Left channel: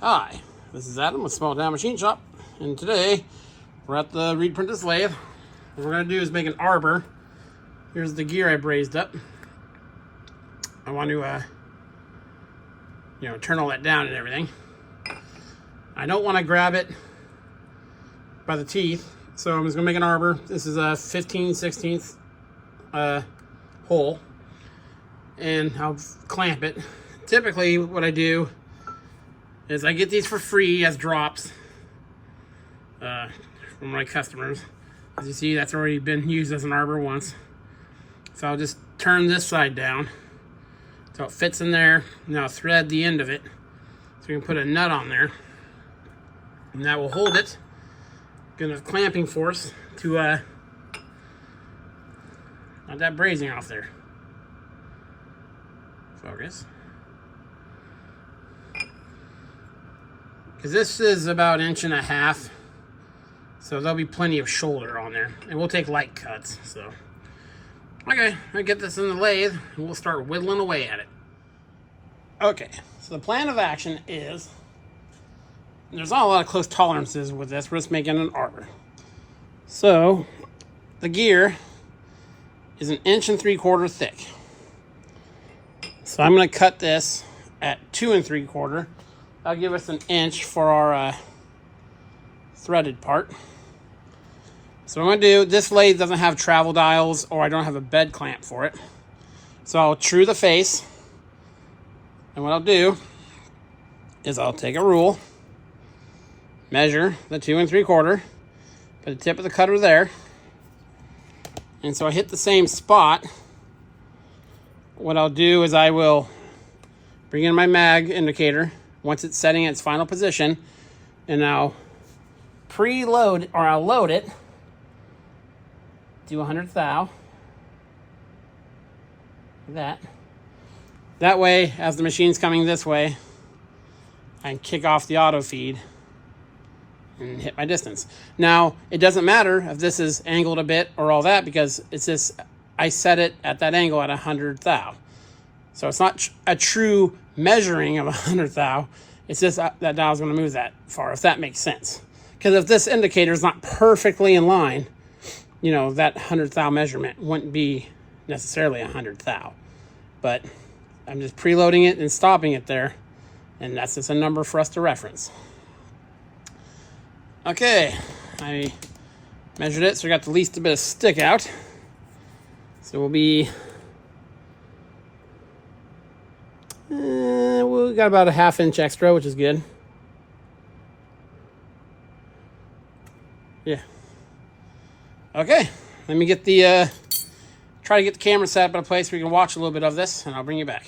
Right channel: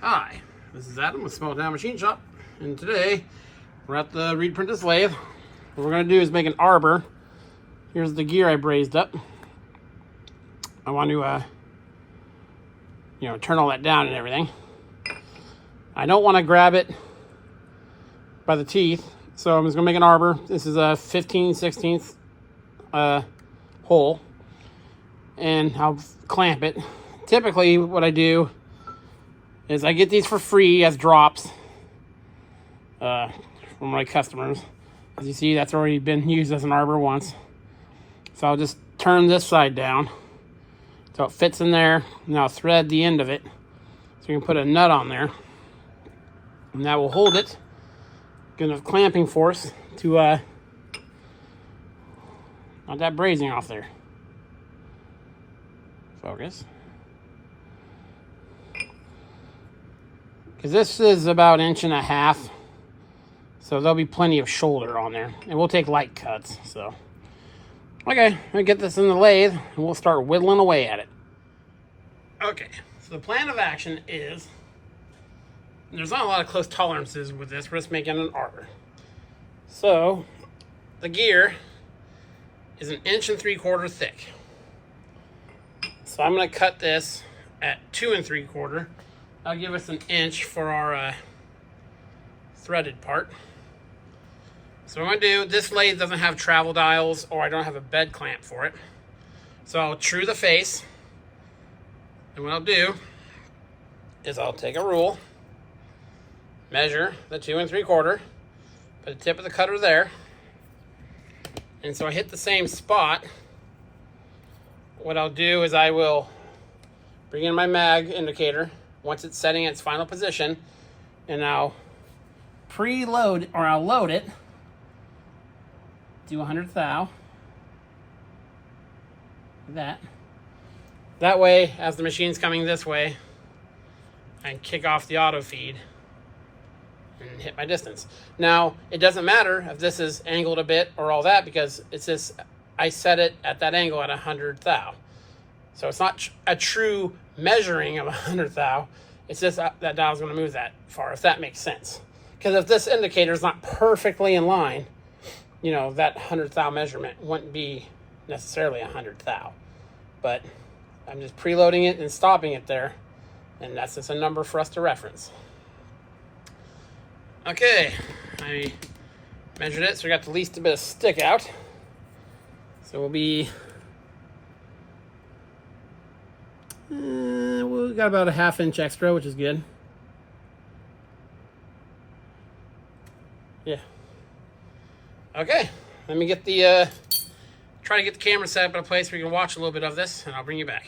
Hi, this is Adam with Small Town Machine Shop, and today we're at the reed printed lathe. What we're going to do is make an arbor. Here's the gear I brazed up. I want to, turn all that down and everything. I don't want to grab it by the teeth, so I'm just going to make an arbor. This is a 15/16 hole, and I'll clamp it. Typically, what I do is I get these for free as drops from my customers. As you see, that's already been used as an arbor once. So I'll just turn this side down so it fits in there. Now I'll thread the end of it so we can put a nut on there, and that will hold it. Get enough clamping force to not that brazing off there. Focus. Because this is about 1.5 inches, so there'll be plenty of shoulder on there, and we'll take light cuts. So okay, we get this in the lathe and we'll start whittling away at it. Okay, so the plan of action is, there's not a lot of close tolerances with this. We're just making an arbor. So the gear is 1.75 inches thick. So I'm going to cut this at 2 3/4. That'll give us 1 inch for our threaded part. So what I'm going to do, this lathe doesn't have travel dials, or I don't have a bed clamp for it. So I'll true the face. And what I'll do is I'll take a rule, measure the 2 3/4, put the tip of the cutter there. And so I hit the same spot. What I'll do is I will bring in my mag indicator once it's setting in its final position, and I'll preload, or I'll load it, do 100 thou, like that way, as the machine's coming this way, I can kick off the auto feed and hit my distance. Now, it doesn't matter if this is angled a bit or all that, because it's just, I set it at that angle at 100 thou. So it's not a true measuring of 100 thou. It's just that dial's going to move that far, if that makes sense. Because if this indicator is not perfectly in line, that 100 thou measurement wouldn't be necessarily 100 thou. But I'm just preloading it and stopping it there, and that's just a number for us to reference. Okay, I measured it, so we got the least bit of stick out. So we'll be, we got about a 1/2 inch extra, which is good. Yeah. Okay, let me get the, try to get the camera set up in a place where you can watch a little bit of this, and I'll bring you back.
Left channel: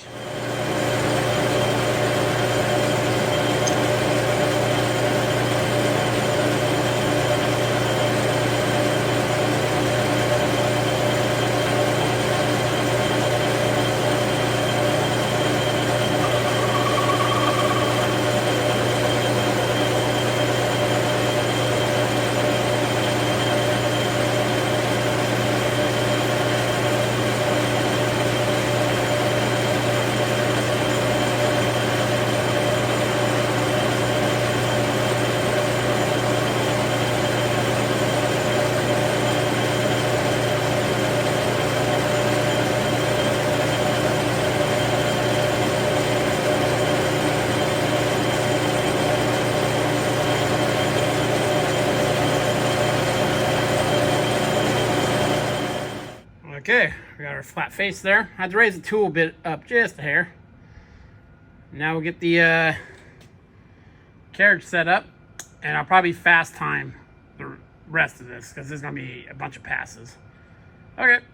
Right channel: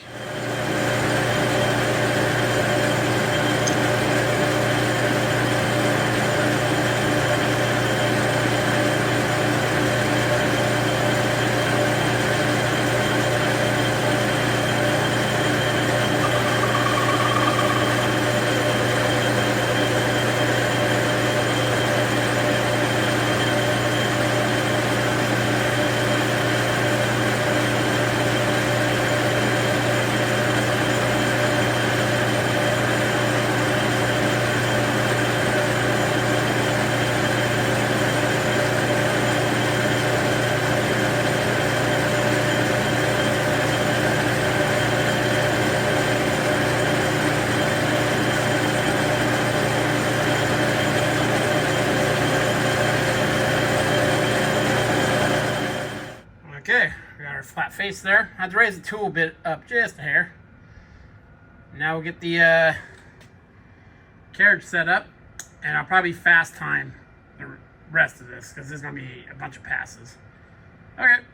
Okay, we got our flat face there. I had to raise the tool bit up just a hair. Now we'll get the carriage set up, and I'll probably fast time the rest of this, because there's going to be a bunch of passes. Okay.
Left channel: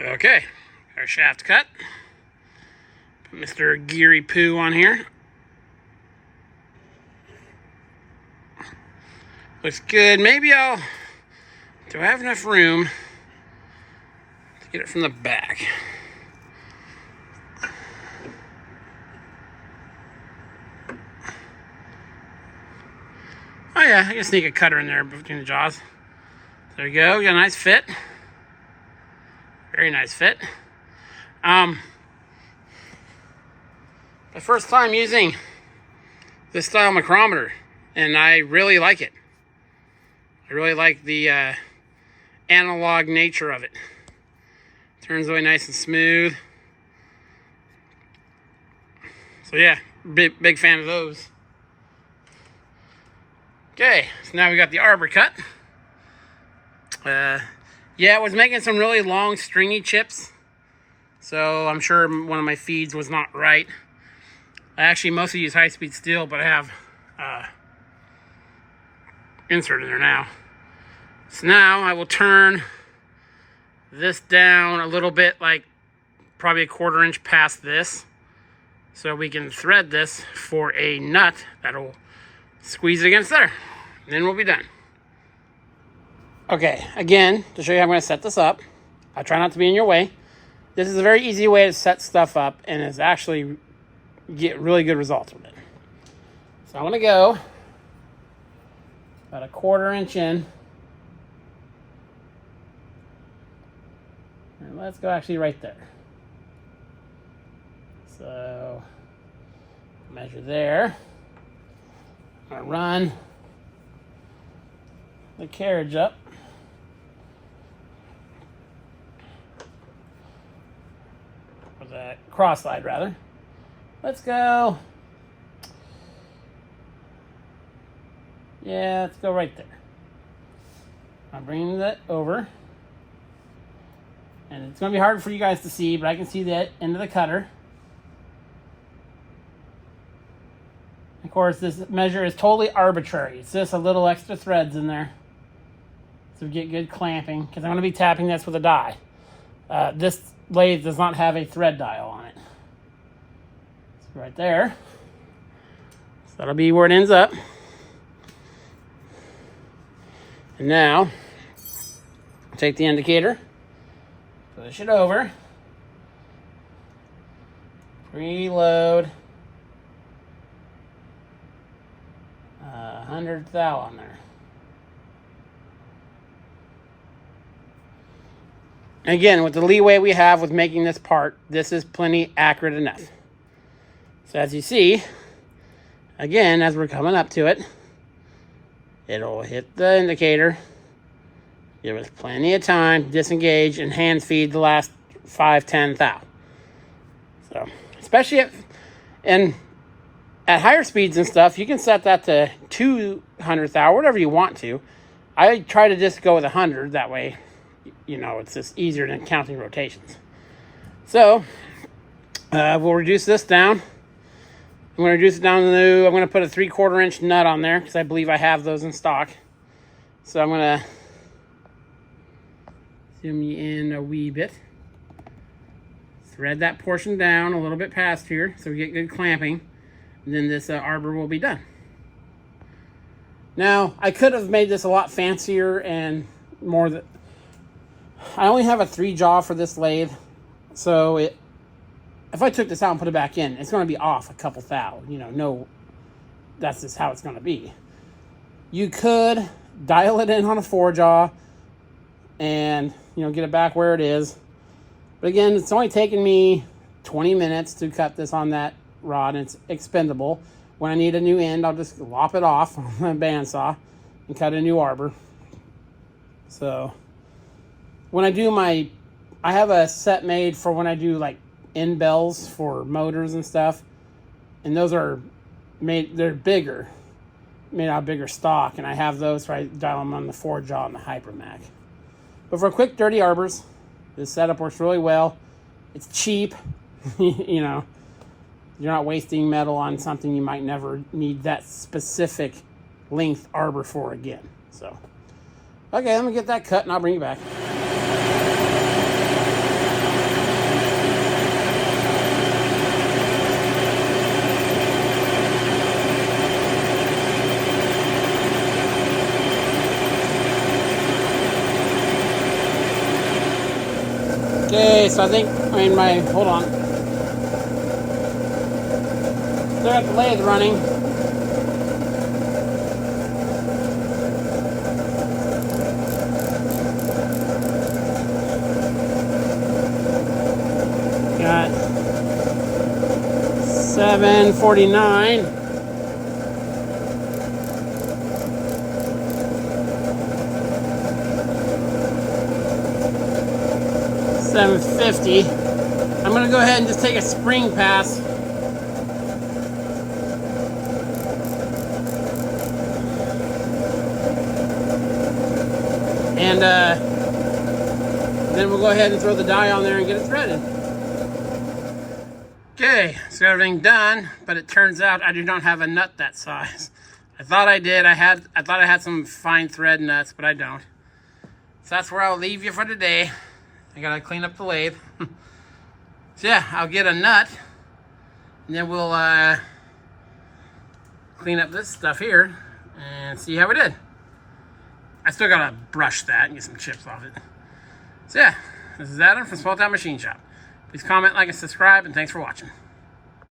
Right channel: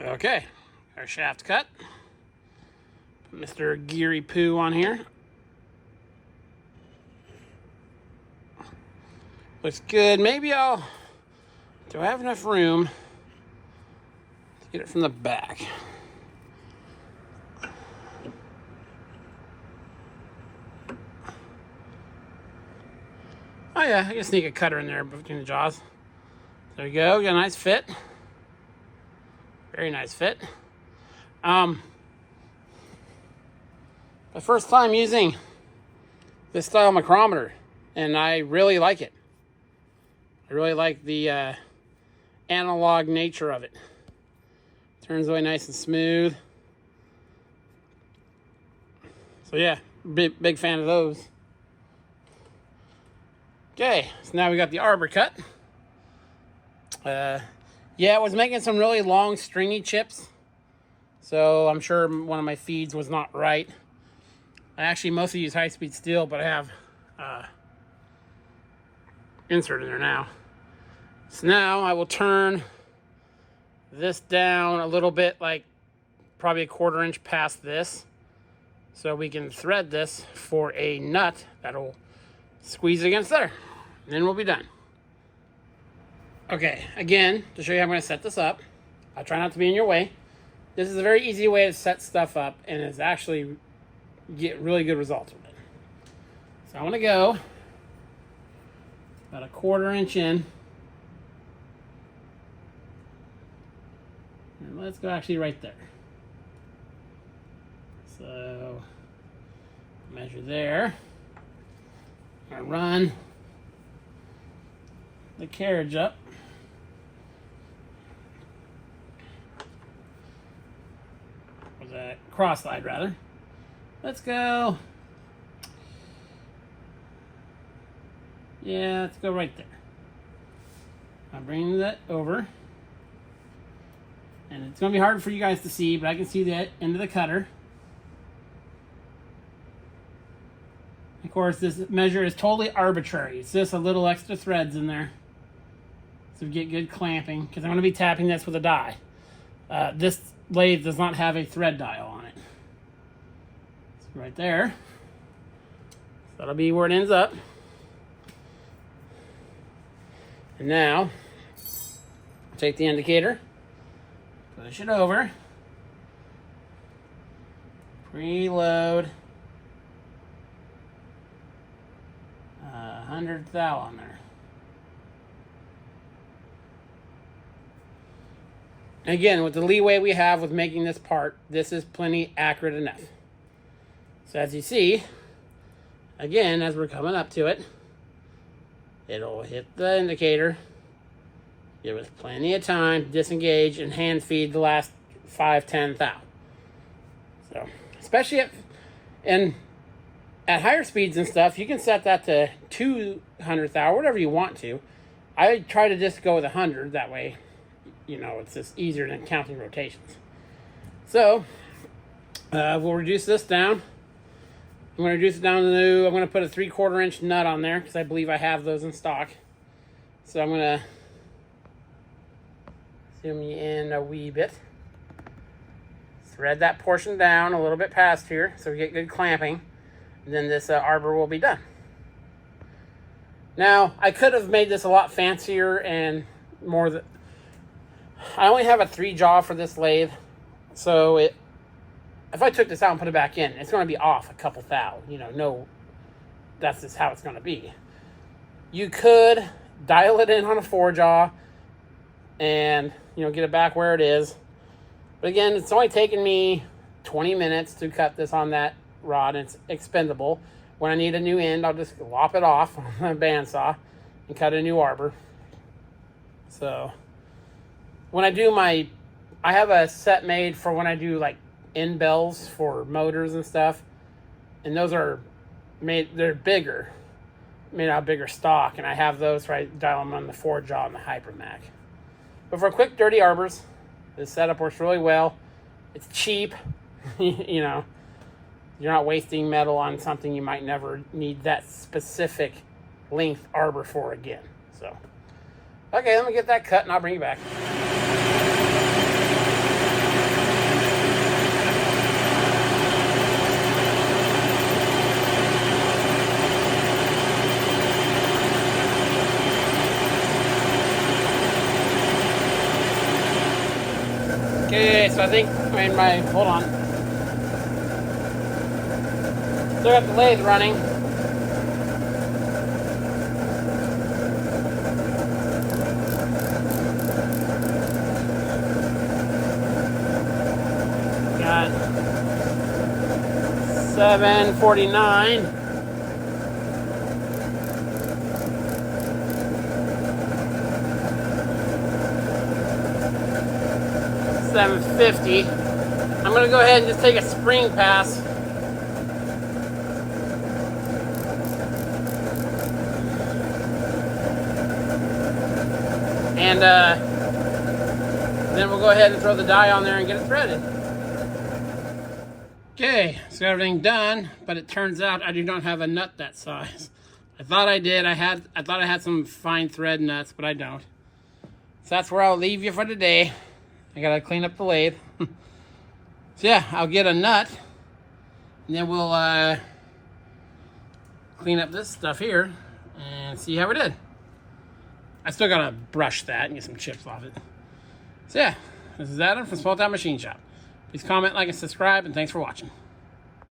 Okay, our shaft cut. Put Mr. Geary Poo on here. Looks good. Maybe do I have enough room to get it from the back? Oh yeah, I can sneak a cutter in there between the jaws. There you go, got a nice fit. Very nice fit. The first time using this style micrometer, and I really like it. I really like the analog nature of it. Turns really nice and smooth. So yeah, big fan of those. Okay, so now we got the arbor cut. Yeah, I was making some really long stringy chips, so I'm sure one of my feeds was not right. I actually mostly use high-speed steel, but I have insert in there now. So now I will turn this down a little bit, like probably a 1/4 inch past this, so we can thread this for a nut that'll squeeze against there. And then we'll be done. Okay, again, to show you how I'm going to set this up, I try not to be in your way. This is a very easy way to set stuff up, and it's actually get really good results with it. So I'm going to go about a 1/4 inch in. And let's go actually right there. So measure there. I run the carriage up. Or the cross slide rather. Let's go. Yeah, let's go right there. I'm bringing that over. And it's going to be hard for you guys to see, but I can see the end of the cutter. Of course, this measure is totally arbitrary. It's just a little extra threads in there. So we get good clamping, because I'm going to be tapping this with a die. This lathe does not have a thread dial on it. It's right there. So that'll be where it ends up. And now, take the indicator, push it over, preload 100 thou on there. Again, with the leeway we have with making this part, this is plenty accurate enough. So as you see, again, as we're coming up to it, it'll hit the indicator. Give us plenty of time, disengage, and hand feed the last 5-10 thou. So, especially at higher speeds and stuff, you can set that to 200 thou, whatever you want to. I try to just go with 100, that way, you know, it's just easier than counting rotations. So, we'll reduce this down. I'm going to reduce it down to, I'm going to put a 3/4 inch nut on there, because I believe I have those in stock. So I'm going to zoom you in a wee bit. Thread that portion down a little bit past here, so we get good clamping. And then this arbor will be done. Now, I could have made this a lot fancier and more. I only have a 3-jaw for this lathe, so if I took this out and put it back in, it's going to be off a couple thou. You know, no, that's just how it's going to be. You could dial it in on a 4-jaw and, you know, get it back where it is. But again, it's only taken me 20 minutes to cut this on that rod. It's expendable. When I need a new end, I'll just lop it off on a bandsaw and cut a new arbor. So when I do I have a set made for when I do like end bells for motors and stuff, and those are they're bigger, made out of bigger stock, and I have those where I dial them on the 4-jaw and the Hypermac. But for quick dirty arbors, this setup works really well. It's cheap. You know, you're not wasting metal on something you might never need that specific length arbor for again. So okay, let me get that cut and I'll bring you back. Okay, so I think, hold on. Still got the lathe running. Got 749. $750. I'm gonna go ahead and just take a spring pass. And then we'll go ahead and throw the die on there and get it threaded. Okay, so got everything done, but it turns out I do not have a nut that size. I thought I did. I thought I had some fine thread nuts, but I don't. So that's where I'll leave you for today. I gotta clean up the lathe. So yeah, I'll get a nut, and then we'll clean up this stuff here and see how we did. I still gotta brush that and get some chips off it. So yeah, this is Adam from Small Town Machine Shop. Please comment, like, and subscribe, and thanks for watching.